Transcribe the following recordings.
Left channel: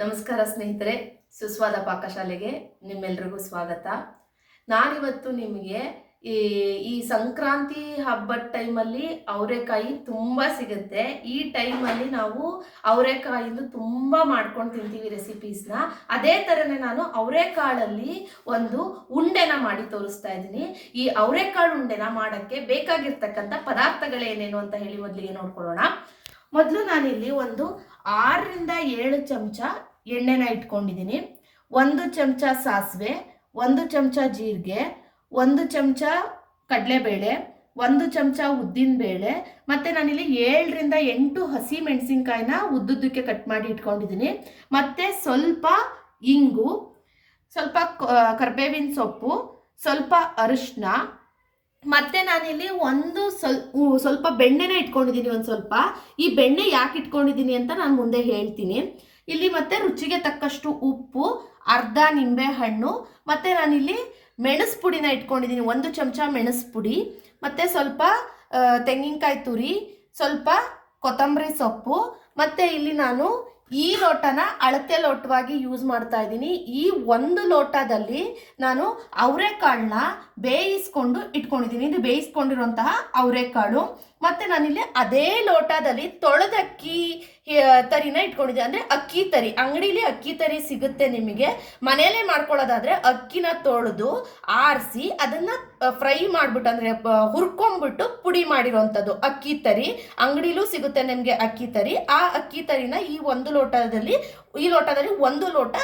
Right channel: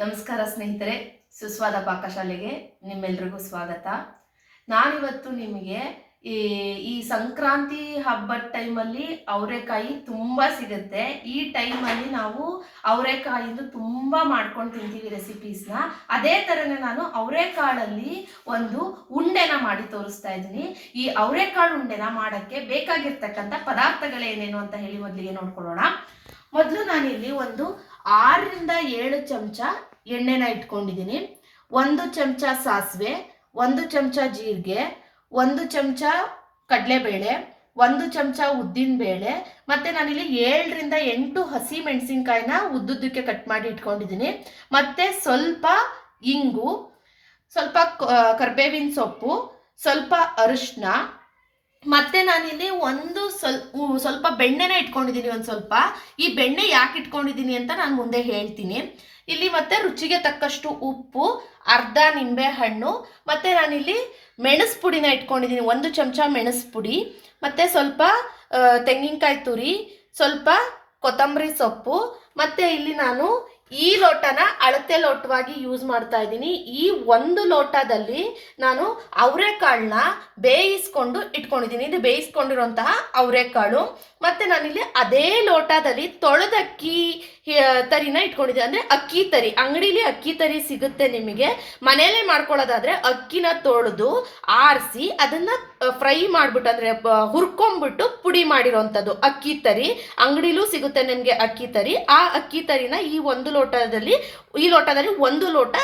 ನಮಸ್ಕಾರ ಸ್ನೇಹಿತರೆ, ಸುಸ್ವಾದ ಪಾಕಶಾಲೆಗೆ ನಿಮ್ಮೆಲ್ರಿಗೂ ಸ್ವಾಗತ. ನಾನಿವತ್ತು ನಿಮಗೆ ಈ ಈ ಸಂಕ್ರಾಂತಿ ಹಬ್ಬದ ಟೈಮಲ್ಲಿ ಅವರೆಕಾಯಿ ತುಂಬ ಸಿಗುತ್ತೆ. ಈ ಟೈಮಲ್ಲಿ ನಾವು ಅವರೆಕಾಯಿಂದ ತುಂಬ ಮಾಡ್ಕೊಂಡು ತಿಂತೀವಿ ರೆಸಿಪೀಸ್ನ. ಅದೇ ಥರನೇ ನಾನು ಅವರೆಕಾಳಲ್ಲಿ ಒಂದು ಉಂಡೆನ ಮಾಡಿ ತೋರಿಸ್ತಾ ಇದ್ದೀನಿ. ಈ ಅವರೆಕಾಳು ಉಂಡೆನ ಮಾಡೋಕ್ಕೆ ಬೇಕಾಗಿರ್ತಕ್ಕಂಥ ಪದಾರ್ಥಗಳೇನೇನು ಅಂತ ಹೇಳಿ ಮೊದಲಿಗೆ ನೋಡ್ಕೊಳ್ಳೋಣ. ಮೊದಲು ನಾನಿಲ್ಲಿ ಒಂದು 6ರಿಂದ 7 ಚಮಚ ಎಣ್ಣೆನ ಇಟ್ಕೊಂಡಿದ್ದೀನಿ. 1 ಚಮಚ ಸಾಸಿವೆ, 1 ಚಮಚ ಜೀರಿಗೆ, 1 ಚಮಚ ಕಡಲೆಬೇಳೆ, 1 ಚಮಚ ಉದ್ದಿನಬೇಳೆ, ಮತ್ತು ನಾನಿಲ್ಲಿ 7ರಿಂದ 8 ಹಸಿ ಮೆಣಸಿನ್ಕಾಯಿನ ಉದ್ದುದ್ದಕ್ಕೆ ಕಟ್ ಮಾಡಿ ಇಟ್ಕೊಂಡಿದ್ದೀನಿ. ಮತ್ತು ಸ್ವಲ್ಪ ಇಂಗು, ಸ್ವಲ್ಪ ಕರಿಬೇವಿನ ಸೊಪ್ಪು, ಸ್ವಲ್ಪ ಅರಿಶಿನ, ಮತ್ತೆ ನಾನಿಲ್ಲಿ ಸ್ವಲ್ಪ ಬೆಣ್ಣೆನ ಇಟ್ಕೊಂಡಿದ್ದೀನಿ. ಈ ಬೆಣ್ಣೆ ಯಾಕೆ ಇಟ್ಕೊಂಡಿದ್ದೀನಿ ಅಂತ ನಾನು ಮುಂದೆ ಹೇಳ್ತೀನಿ. ಇಲ್ಲಿ ಮತ್ತೆ ರುಚಿಗೆ ತಕ್ಕಷ್ಟು ಉಪ್ಪು, ಅರ್ಧ ನಿಂಬೆ ಹಣ್ಣು, ಮತ್ತೆ ನಾನಿಲ್ಲಿ ಮೆಣಸು ಪುಡಿನ ಇಟ್ಕೊಂಡಿದ್ದೀನಿ. 1 ಚಮಚ ಮೆಣಸು ಪುಡಿ, ಮತ್ತೆ ಸ್ವಲ್ಪ ತೆಂಗಿನಕಾಯಿ ತುರಿ, ಸ್ವಲ್ಪ ಕೊತ್ತಂಬರಿ ಸೊಪ್ಪು, ಮತ್ತೆ ಇಲ್ಲಿ ನಾನು ಈ ಲೋಟನ ಅಳತೆ ಲೋಟವಾಗಿ ಯೂಸ್ ಮಾಡ್ತಾ ಇದ್ದೀನಿ. ಈ 1 ಲೋಟದಲ್ಲಿ ನಾನು ಅವರೆಕಾಳನ್ನ ಬೇಯಿಸ್ಕೊಂಡು ಇಟ್ಕೊಂಡಿದ್ದೀನಿ. ಇದು ಬೇಯಿಸ್ಕೊಂಡಿರುವಂತಹ ಅವರೆಕಾಳು. ಮತ್ತು ನಾನಿಲ್ಲಿ ಅದೇ ಲೋಟದಲ್ಲಿ ತೊಳೆದಕ್ಕಿ ತರಿನ ಇಟ್ಕೊಂಡಿದ್ದೀನಿ. ಅಂದರೆ ಅಕ್ಕಿ ತರಿ, ಅಂಗಡಿಲಿ ಅಕ್ಕಿ ತರಿ ಸಿಗುತ್ತೆ ನಿಮಗೆ. ಮನೆಯಲ್ಲೇ ಮಾಡ್ಕೊಳ್ಳೋದಾದರೆ ಅಕ್ಕಿನ ತೊಳೆದು ಆರಿಸಿ ಅದನ್ನು ಫ್ರೈ ಮಾಡಿಬಿಟ್ಟು, ಅಂದರೆ ಹುರ್ಕೊಂಬಿಟ್ಟು ಪುಡಿ ಮಾಡಿರೋವಂಥದ್ದು ಅಕ್ಕಿ ತರಿ. ಅಂಗಡಿಲೂ ಸಿಗುತ್ತೆ ನಿಮಗೆ ಅಕ್ಕಿ ತರಿ. ಆ ಅಕ್ಕಿ ತರಿನ ಈ ಲೋಟದಲ್ಲಿ 1 ಲೋಟ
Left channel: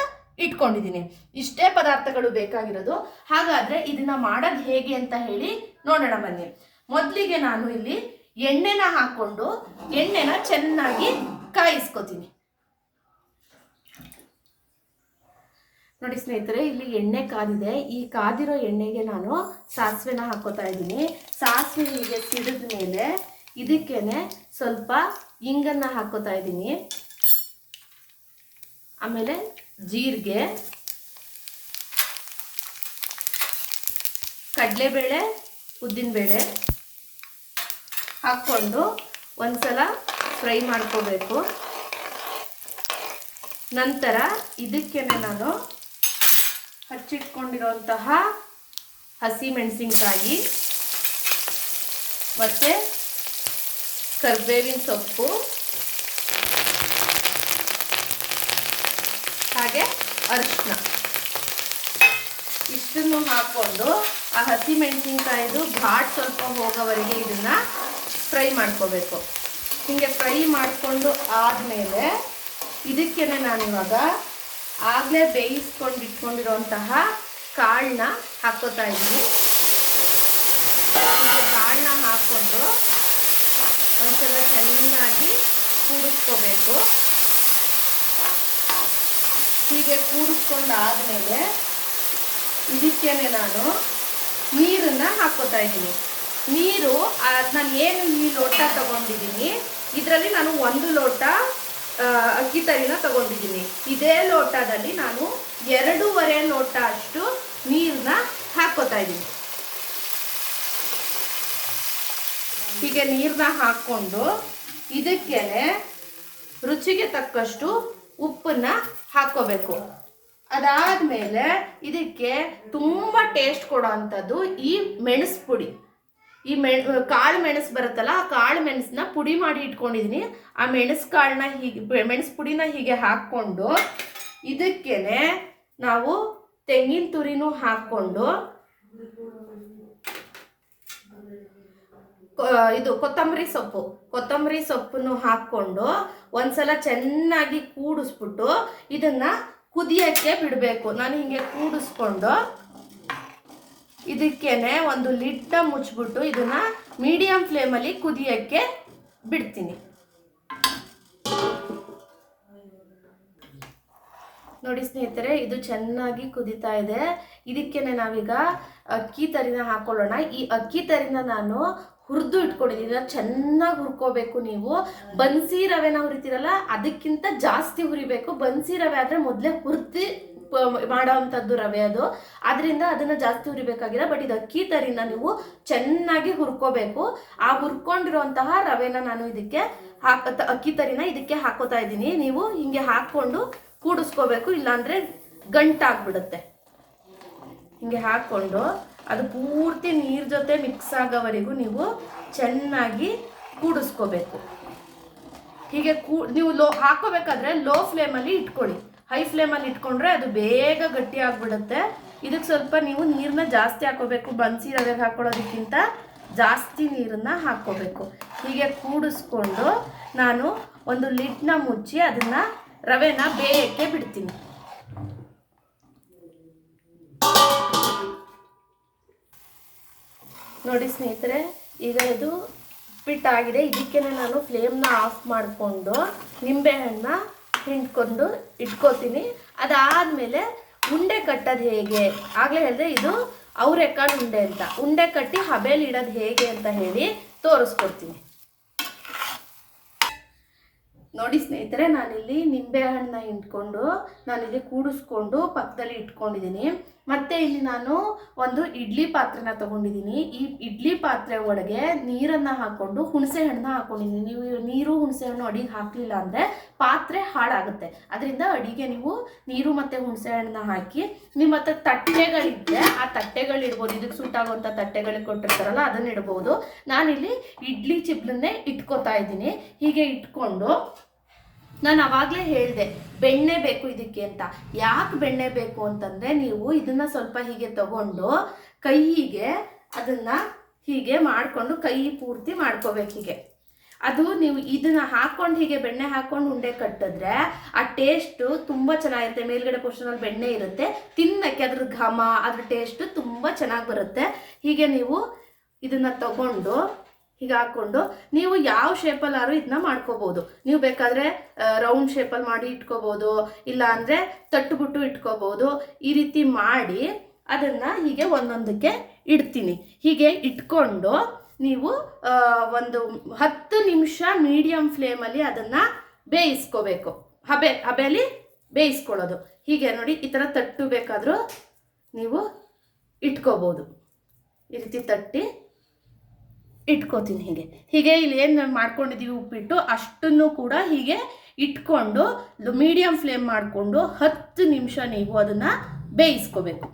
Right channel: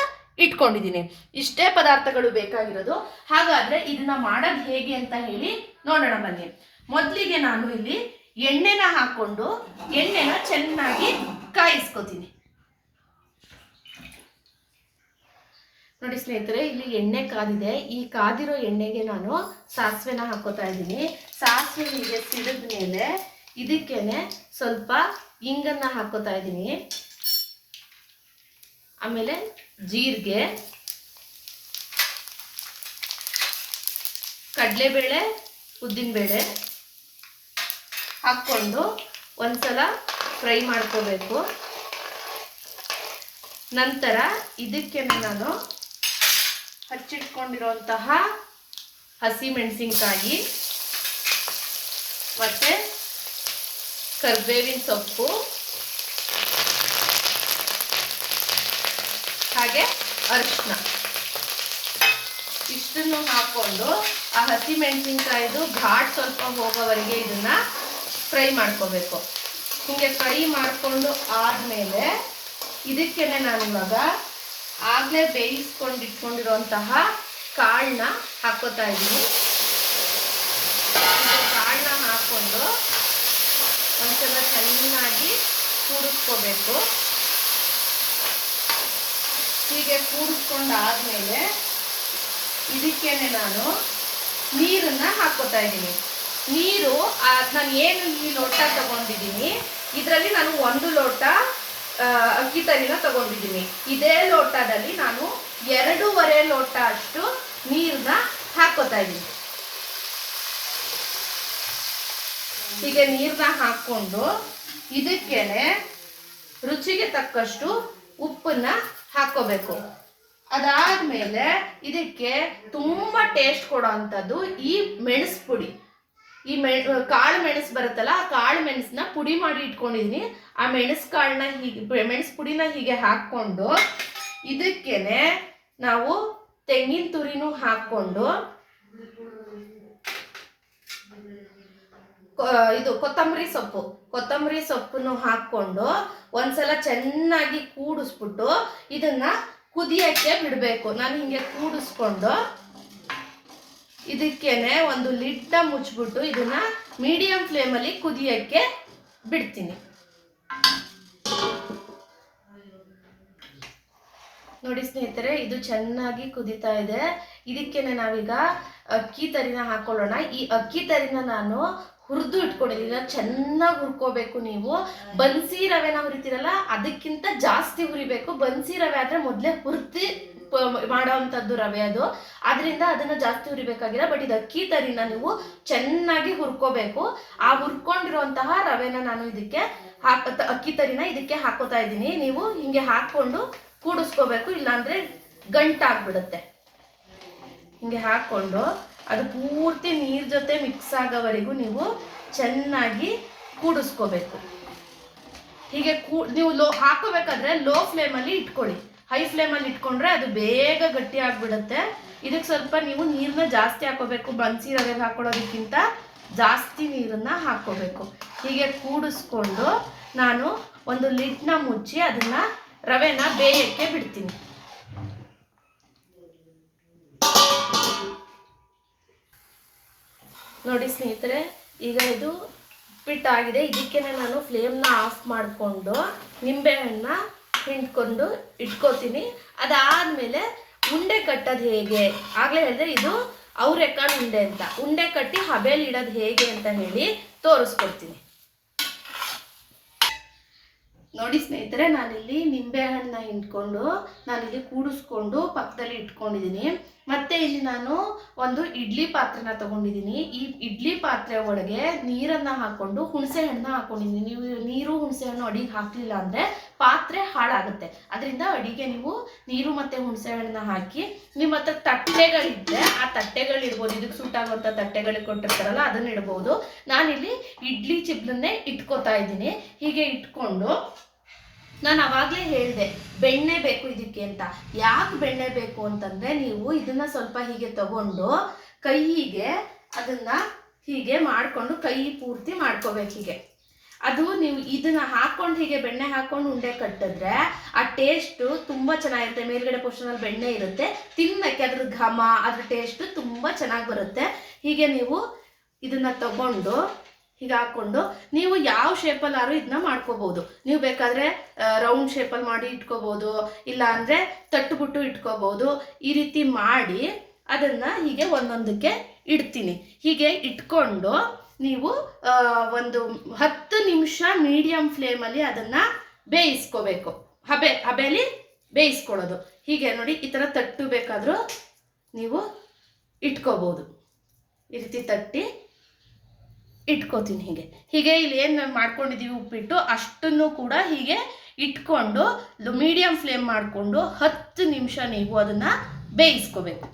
ಇಟ್ಕೊಂಡಿದ್ದೀನಿ. ಇಷ್ಟೇ ಪದಾರ್ಥಗಳು ಬೇಕಾಗಿರೋದು. ಹಾಗಾದರೆ ಇದನ್ನ ಮಾಡೋದು ಹೇಗೆ ಅಂತ ಹೇಳಿ ನೋಡೋಣ ಬನ್ನಿ. ಮೊದಲಿಗೆ ನಾನು ಇಲ್ಲಿ ಎಣ್ಣೆನ ಹಾಕ್ಕೊಂಡು ಎಣ್ಣೆನ ಚೆನ್ನಾಗಿ ಕಾಯಿಸ್ಕೊತೀನಿ. ನೋಡಿ ಸ್ನೇಹಿತರೆ, ಇಲ್ಲಿ ಎಣ್ಣೆ ಕಾದಿದೆ. ಈ ಕಾದಿರೋ ಎಣ್ಣೆಗೆ ನಾನು ಸಾಸಿವೆನ ಹಾಕೋತಾ ಇದ್ದೀನಿ. ಸಾಸಿವೆ ಹೀಗೆ ಸಿಡಿದ ಮೇಲೆ ಇದಕ್ಕೇನೆ ಸ್ವಲ್ಪ ಇಂಗನ್ನು ಹಾಕೋತಾ ಇದ್ದೀನಿ. ಆಮೇಲೆ ಜೀರಿಗೆ, ಕಡಲೆಬೇಳೆ, ಉದ್ದಿನಬೇಳೆ ಹಾಕ್ಕೊಂಡು ಒಂದ್ಸಲ ಫ್ರೈ ಮಾಡ್ಕೋಬೇಕು. ನಂತರ ಇದಕ್ಕೇನೆ ನಾನು ಹಚ್ಚಿಟ್ಕೊಂಡಿರೋಂತಹ ಹಸಿ ಮೆಣಸಿನ್ಕಾಯಿ ಮತ್ತು ಕರಿಬೇವಿನ ಸೊಪ್ಪು ಹಾಗೆ ಅರಿಶಿನ ಇಷ್ಟನ್ನು ಹಾಕ್ಕೊಂಡು ಆ ಹಸಿ ಮೆಣಸಿನ್ಕಾಯಿದು ಘಾಟ್ ಸ್ವಲ್ಪ ಹೋಗೋವರೆಗೆ ಇದನ್ನು ಫ್ರೈ ಮಾಡ್ಕೋಬೇಕು. ಹೀಗೆ ಫ್ರೈ ಮಾಡಿಕೊಂಡು ಆದಮೇಲೆ ಇದಕ್ಕೇನೆ ನಾನಿವಾಗ ಆಗಲೇ ಬೇಯಿಸ್ಕೊಂಡಿಟ್ಕೊಂಡಿರೋಂತಹ ಕಾಳನ್ನ ಹಾಕ್ಕೋತಾ ಇದ್ದೀನಿ. ಕಾಳನ್ನ ಹಾಕ್ಕೊಂಡು ಒಂದ್ಸಲ ಚೆನ್ನಾಗಿ ಕೂಡಿಸ್ಕೋಬೇಕು. ಹೀಗೆ ಕೂಡಿಸ್ಕೊಂಡು ಆದಮೇಲೆ ಇದಕ್ಕೇನೆ ನಾನು ನೀರನ್ನು ಹಾಕ್ಕೋತಾ ಇದ್ದೀನಿ. ನೀರು ನಾನು ಏನು ಈ ಲೋಟ ತಗೊಂಡಿದ್ದೀನಿ, ಇದರಲ್ಲಿ ನಾನು 1 ಲೋಟ ಅಕ್ಕಿ ತರಿನ ತಗೊಂಡಿದ್ದೀನಿ. ಇದೇ ಲೋಟದಲ್ಲಿ ನಾನು 2.5 ಲೋಟ ಅಷ್ಟು ನೀರನ್ನ ಹಾಕ್ಕೋತಾ ಇದ್ದೀನಿ. ಹೀಗೆ ನೀರನ್ನ ಹಾಕ್ಕೊಂಡು ಇದಕ್ಕೇನೆ ರುಚಿಗೆ ತಕ್ಕಷ್ಟು ಉಪ್ಪನ್ನ ಹಾಕ್ಕೋಬೇಕು. ಅದಾದಮೇಲೆ ಇದಕ್ಕೆ ತುಂಬ ಟೇಸ್ಟ್ ಕೊಡೋ ಅಂಥದ್ದು ಈ ಮೆಣಸು ಪುಡಿ. ಈ ಕಾಳು ಮೆಣಸು ಬರುತ್ತಲ್ಲ, ಆ ಕಾಳು ಮೆಣಸನ್ನ ಪುಡಿ ಮಾಡಿ ಇಟ್ಕೊಂಡಿದ್ದೀನಿ. ಆ ಮೆಣಸು ಪುಡಿನ ಹೀಗೆ ಹಾಕ್ಕೊಂಡು ಇದಕ್ಕೇನೆ ನಾವು ತೆಂಗಿನ ತುರಿನೂ ಹಾಕ್ಕೊಂಡು ಕೊತ್ತಂಬರಿ ಸೊಪ್ಪನ್ನು ಹಾಕ್ಕೊಂಡು ಒಂದ್ಸಲ ಚೆನ್ನಾಗಿ ಕೂಡಿಸ್ಬಿಟ್ಟು ಇದನ್ನ ಕುದಿಯಕ್ಕೆ ಬಿಡಬೇಕು. ನಾನು ಹಿಂಗೆ ಕೂಡಿಸ್ಕೊಂಡು ಇದಕ್ಕೇನೆ ಒಂದು ಲಿಡ್ನ ಮುಚ್ಚಿಬಿಟ್ಟು ಇದನ್ನ ಮೀಡಿಯಂ ಫ್ಲೇಮಲ್ಲಿ ಕುದಿಯಕ್ಕೆ ಬಿಡ್ತೀನಿ. ನೋಡಿ ಸ್ನೇಹಿತರೆ, ಇದು ಚೆನ್ನಾಗಿ ಕುದೀತಾ ಇದೆ. ಇದಕ್ಕೇನೆ ನಾವೀಗ ಅಕ್ಕಿ ತರಿನ ಹಾಕೊಳ್ಳೋಣ. ಈ ಅಕ್ಕಿ ತರಿನ ನಾನು ಹುರಿದು ಇಟ್ಕೊಂಡಿದ್ದೀನಿ. ಚೆನ್ನಾಗಿ ಹುರ್ಕೋಬೇಕು. ನೀವು ಬನ್ಸಿ ರವೆನ ಹುರಿತೀರಲ್ಲ, ಅದಕ್ಕಿಂತ ಜಾಸ್ತಿ ಹುರಿಬೇಕು. ಬನ್ಸಿ ರವೆ ಆದರೆ ಮೊದಲೇ ಹುರಿದು ಮಾಡೋವಂಥದ್ದು ರವೆ ಅದು, ಅದರಿಂದ ಅದನ್ನು ಜಾಸ್ತಿ ಹುರಿಬೇಕಾಗಿಲ್ಲ. ಬಟ್ ಇದು ಅಕ್ಕಿ ತರಿನ ನೀವು ಚೆನ್ನಾಗಿ ಹುರ್ಕೋಬೇಕು. ಆ ಹುರ್ಕೊಂಡಿರೋಂತಹ ರವೆನ ನಾನು ಇದಕ್ಕೆ ಅಕ್ಕಿ ತರಿನ ಇದಕ್ಕೆ ಹಾಕೋತಾ ಇದ್ದೀನಿ. ನೀವು ಹಿಂಗೆ ಹಾಕ್ಕೊಂಡು ಕೂಡಿಸ್ಕೋಬೇಕು, ಇಲ್ಲಾಂದರೆ ಗಂಟಾಗ್ಬಿಡುತ್ತೆ. ಹಿಂಗೆ ಹಾಕ್ಕೊಂಡು ಅದು ಪೂರ್ತಿ ನೀರು ಜೊತೆ ಮಿಕ್ಸ್ ಆಗೋವರೆಗೂ ನೀವು ಚೆನ್ನಾಗಿ ಕೂಡಿಸ್ಕೋಬೇಕು. ಹೀಗೆ ನೀವು ಹಾಕೋಬೇಕಾದ್ರೆ ಲೋ ಫ್ಲೇಮಲ್ಲಿ ಇಟ್ಕೊಳ್ಳಿ. ಹೈ ಫ್ಲೇಮಲ್ಲಿ ಇಟ್ಕೊಂಡ್ರೆ ಅದು ಬೇಗ ಗಟ್ಟಿ ಆಗಿಬಿಡುತ್ತೆ. ಇದಕ್ಕೆ ಸ್ವಲ್ಪ ನೀವು ನೀರನ್ನ ಜಾಸ್ತಿ ಹಾಕೋಬೇಕು. ಬನ್ಸಿ ರವೆಗೆ ಹಾಕೊಳ್ಳೋದಕ್ಕಿಂತ ಜಾಸ್ತಿ ನೀರನ್ನು ಹಾಕ್ಕೋಬೇಕು. ಹೀಗೆ ಕೂಡಿಸ್ಕೊಂಡು ನಾನು ಒಂದು ಲಿಡ್ನ ಮುಚ್ಚಿ ಅದನ್ನು ರವೆನ ಬೇಯಕ್ಕೆ ಬಿಡ್ತೀನಿ. ನೋಡಿ ಸ್ನೇಹಿತರೆ, ಈಗ ಇದು ಉಪ್ಪಿಟ್ಟಾಗಿದೆ. ಇದಕ್ಕೆ ನಾನು ಫ್ಲೇಮ್ನ ಆಫ್ ಮಾಡಿಕೊಂಡು ನಿಂಬೆಹಣ್ಣ ಹಿಂಡ್ಕೊಂಡು ಇಟ್ಕೋತೀನಿ. ಅದಾದಮೇಲೆ ಉಂಡೆ ಕಟ್ಟೋದು ಹೇಗೆ, ಆಗಲೇ ಹೇಳಿದ್ರೆ ಇದು ಅವರೆಕಾಳು ಉಂಡೆ ಅಂತ. ಉಂಡೆ ಕಟ್ಟಿ ಹಬೆಯಲ್ಲಿ ಇಡೋದು ಹೇಗೆ ಅಂತ ಹೇಳಿ ತೋರಿಸ್ಕೊಡ್ತೀನಿ. ನೋಡಿ ಸ್ನೇಹಿತರೆ, ನಾನಿಲ್ಲಿ ನಿಂಬೆಹಣ್ಣನ್ನ ಹಿಂಡ್ಕೊಂಡು ನಾನಿಲ್ಲಿ ಕೂಡಿಸ್ಕೊಂಡು ಪಕ್ಕದಲ್ಲಿ ಇಟ್ಕೊಂಡಿದ್ದೀನಿ. ಮತ್ತು ಇಲ್ಲಿ ನಾನು ಒಂದು ಇಡ್ಲಿ ಪಾತ್ರೆನ ತೊಗೊಂಡಿದ್ದೀನಿ. ಈ ಇಡ್ಲಿ ಪಾತ್ರೆ ಒಳಗೆ ನೀರನ್ನು ಹಾಕ್ಕೊಂಡು ಹುಣಸೆ ಹಣ್ಣನ್ನ ಹಾಕ್ಕೊಂಡಿದ್ದೀನಿ. ನೀವು ನೀರು ಹುಣಸೆ ಹಣ್ಣು ಅಡಿಗೆ ಹಾಕಲಿಲ್ಲ ಅಂದರೆ ಪಾತ್ರೆ ಹಾಳಾಗುತ್ತೆ. ಅದರಿಂದ ಅಡಿಗೆ ನೀವು ನೀರು ಮತ್ತು ಹುಣಸೆ ಹಣ್ಣನ್ನ ಹಾಕಿ, ನಿಮ್ಮ ಹತ್ರ ತಟ್ಟೆಗಳಿದ್ದರೆ ಆ ತಟ್ಟೆಗಳಿಡ್ಬೋದು. ಇದಕ್ಕೆ ಸೂಟಾಗುವಂಥ ತಟ್ಟೆಗಳಿಗೆ ಕೊಟ್ಟಿರ್ತಾರಲ್ಲ ಅದನ್ನ ಇಡ್ಬೋದು. ನಾನಿಲ್ಲಿ ಇಡ್ಲಿ ಚಿಪ್ಲನ್ನೇ ಇಟ್ಕೋತಾ ಇದ್ದೀನಿ. ಹೀಗೆ ಇಟ್ಕೊಂಡು ನಾನು ಆವಾಗಲೇ ಹೇಳಿದೆ ಬೆಣ್ಣೆ ಬೇಕು ಇದಕ್ಕೆ ಅಂತ. ಯಾಕೆ ಬೆಣ್ಣೆ ಬೇಕು ಅಂತಂದರೆ, ನೀವು ಇದನ್ನು ಸ್ವಲ್ಪ ಹೀಗೆ ತಗೊಂಡು ಕೈಗೆ ಅದನ್ನು ಹೀಗೆ ಮಾಡಿಕೊಂಡು ಕೈ ಪೂರ್ತಿ ಮಾಡ್ಕೋಬೇಕು. ಹೀಗೆ ಅದು ನೀವು ಇದನ್ನು ಹಾಕ್ಕೊಂಡು ಹೀಗೆ ಬೆಣ್ಣೆ ಹಾಕ್ಕೊಂಡು ಉಂಡೆ ಕಟ್ಟಿದ್ರೆ ಆ ಟೇಸ್ಟು ತುಂಬ ಚೆನ್ನಾಗಿರುತ್ತೆ. ಮೇಲ್ಗಡೆ ಪೋರ್ಷನಲ್ಲಿ ಬೆಣ್ಣೆ ಇರುತ್ತೆ, ತಿನ್ನಕ್ಕೆ ಅದ್ರ ಘಮ, ಅದ್ರ ಟೇಸ್ಟು ತುಂಬ ಚೆನ್ನಾಗಿ ಬರುತ್ತೆ. ಹೀಗೆ ನೀವು ಇದನ್ನು ತಗೊಂಡು ಹೀಗೆ ಹಾಕ್ಕೊಂಡು ನೀವು ಯಾವ ಶೇಪಲ್ಲಾದ್ರೂ ಇದನ್ನ ಮಾಡ್ಕೋಬೋದು. ನೀವು ಬೇಕಾದರೆ ರೌಂಡ್ ಶೇಪಲ್ಲಿ ಮಾಡಿ ಇಟ್ಕೋಬೋದು, ಇಲ್ಲ ಅಂದರೆ ತಟ್ಟುಬಿಟ್ಟು ಇಟ್ಕೋಬೋದು. ಈ ರೀತಿ ಮಾಡಿ ಅದನ್ನು ಹೀಗೆ ಒಂದೊಂದಕ್ಕೆ ಇಡ್ತೀನಿ. ಹೀಗೆ ಇಟ್ಕೊಂಡು ನೀವು ಒಂದು 10 ನಿಮಿಷ ಮೀಡಿಯಮ್ ಫ್ಲೇಮಲ್ಲಿ ಅದನ್ನು ಬೇಯಿಸ್ಕೋಬೇಕು. ಹಬೆಯಲ್ಲಿ ಬೇಯಿಸ್ಕೊಳ್ಳೋದು. ಹೀಗೆ ನೋಡಿ, ಈ ಥರ ತಟ್ಟು ಬೇಕಾದರೂ ನೀವು ಇಟ್ಕೋಬೋದು. ಈ ರೀತಿ ತಟ್ಟಿ ಇಟ್ಕೋತೀನಿ. ಹೀಗೆ ಇಲ್ಲಿ ಏನು ಮಾಡ್ಕೊಂಡಿದ್ದೀವಿ ಉಪ್ಪಿಟ್ಟು ಅಷ್ಟನ್ನು ಕೂಡ ಹೀಗೆ ಇಟ್ಕೊಂಡು ಮೀಡಿಯಮ್ ಫ್ಲೇಮ್ ಮಾಡಿಕೊಂಡು 10 ನಿಮಿಷ ನೀವು ಅದನ್ನು ಬೇಯಿಸ್ಕೋಬೇಕು.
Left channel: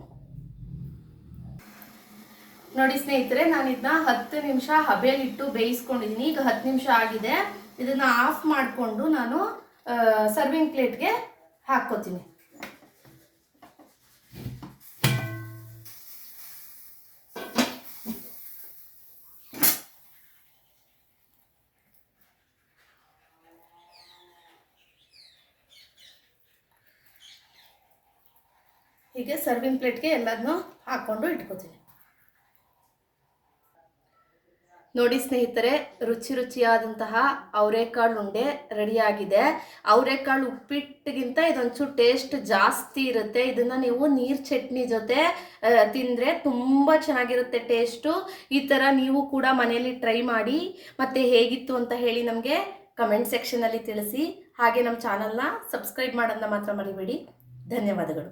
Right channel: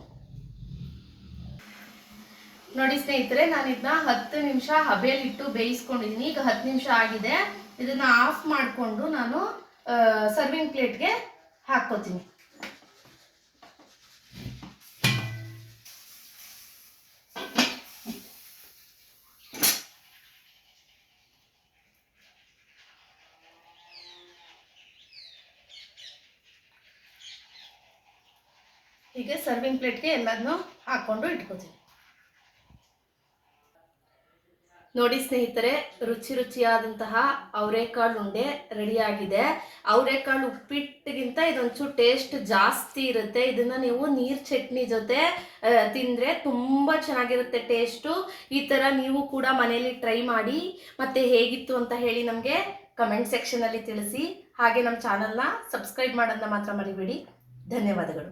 ನೋಡಿ ಸ್ನೇಹಿತರೆ, ನಾನು ಇದನ್ನ 10 ನಿಮಿಷ ಹಬೆಯಲ್ಲಿಟ್ಟು ಬೇಯಿಸ್ಕೊಂಡಿದ್ದೀನಿ. ಈಗ 10 ನಿಮಿಷ ಆಗಿದೆ. ಇದನ್ನು ಆಫ್ ಮಾಡಿಕೊಂಡು ನಾನು ಸರ್ವಿಂಗ್ ಪ್ಲೇಟ್ಗೆ ಹಾಕ್ಕೋತೀನಿ. ಹೀಗೆ ಸರ್ವಿಂಗ್ ಪ್ಲೇಟ್ಗೆ ಎಲ್ಲದನ್ನೂ ಹಾಕ್ಕೊಂಡು ಇಟ್ಕೋತೀನಿ. ನೋಡಿ ಸ್ನೇಹಿತರೆ, ರುಚಿಯಾದಂತಹ ಅವರೆಕಾಳು ಉಂಡೆ ರೆಡಿಯಾಗಿದೆ. ಅವರೆಕಾಳು ಉಪ್ಪಿಟ್ಟಿಗಿಂತ ಇದೊಂಚೂರು ಟೇಸ್ಟ್ ಜಾಸ್ತಿ ಇರುತ್ತೆ. ಇದನ್ನು ನೀವು ನೀರು ಚಟ್ನಿ ಜೊತೆ ತಿಂದರೆ ತುಂಬ ಚೆನ್ನಾಗಿರುತ್ತೆ ಟೇಸ್ಟು. ಈ ಥರ ನೀವು ಕೂಡ ಮನೇಲಿ ಟ್ರೈ ಮಾಡಿ, ಮತ್ತು ಹೇಗಿತ್ತು ಅಂತ ಹೇಳಿ ನಮಗೆ ಕಮೆಂಟ್ ಸೆಕ್ಷನಲ್ಲಿ ತಿಳಿಸಿ. ಹಾಗೆ ನಮ್ಮ ಚಾನಲ್ನ ಸಬ್ಸ್ಕ್ರೈಬ್ ಮಾಡೋದನ್ನ ಮಾತ್ರ ಮರಿಬೇಡಿ. ಧನ್ಯವಾದಗಳು.